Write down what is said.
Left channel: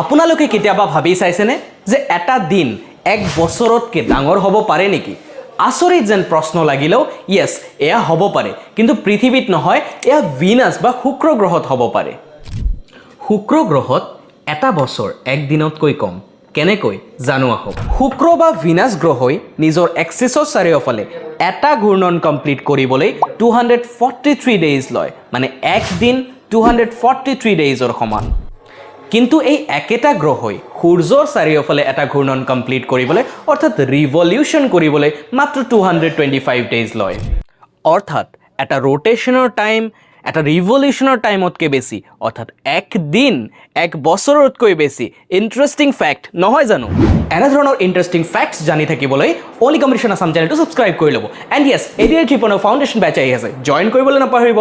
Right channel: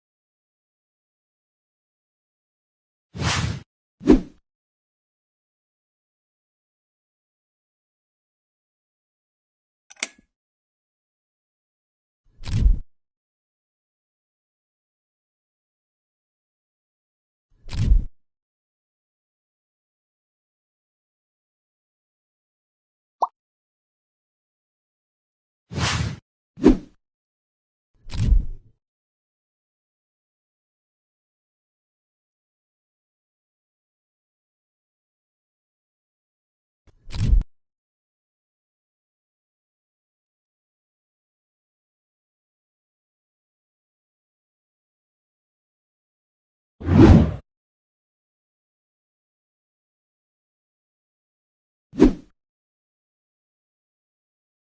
আপোনালোকে কেতিয়াবা ভাবি চাইছেনে যে এটা দিন এক বছৰতকৈ ডাঙৰ হ'ব পাৰে নেকি? আচৰিত যেন প্ৰশ্ন লাগিলেও ইয়েছ, এয়া হ'ব পাৰে, কিন্তু পৃথিৱীত নহয়, এয়া ভিনাছ বা শুক্ৰ গ্ৰহত হ'ব পাৰে। শুক্ৰ গ্ৰহত এটা বছৰ এক দিনতকৈ কম। কেনেকৈ জানো আহক। শুক্ৰ বা ভিনাছ গ্ৰহই নিজৰ এক্সিছৰ চাৰিওফালে এটা ঘূৰ্ণন কমপ্লিট কৰিবলৈ 243 ডেইজ লয়, মানে এক দিন 243 ডেইজৰ সমান। কিন্তু এই একেটা গ্ৰহই সূৰ্যৰ চাৰিওফালে এটা ঘূৰ্ণন কমপ্লিট কৰিবলৈ অৰ্থাৎ ৰিভলিউশ্যন কৰিবলৈ মাত্ৰ 225 ডেইজ লয়। অৰ্থাৎ এটা ৰোটেশ্যনৰ টাইম এটা ৰিভলিউশ্যনৰ টাইমতকৈ বেছি, অৰ্থাৎ এক দিন এক বছৰতকৈ বেছি। ইণ্টাৰেষ্টিং ফেক্ট নহয় জানো? এনেধৰণৰ ইণ্টাৰেষ্টিং ফেক্টছ জানি থাকিবলৈ অনলি কম্পিটিশ্যন আছাম চেনেলটো ছাবস্ক্ৰাইব কৰি ল'ব। এণ্ড য়েছ, 88 ফাউণ্ডেশ্যন বেটচ আহি আছে, জইন কৰিবলৈ নাপাহৰিব।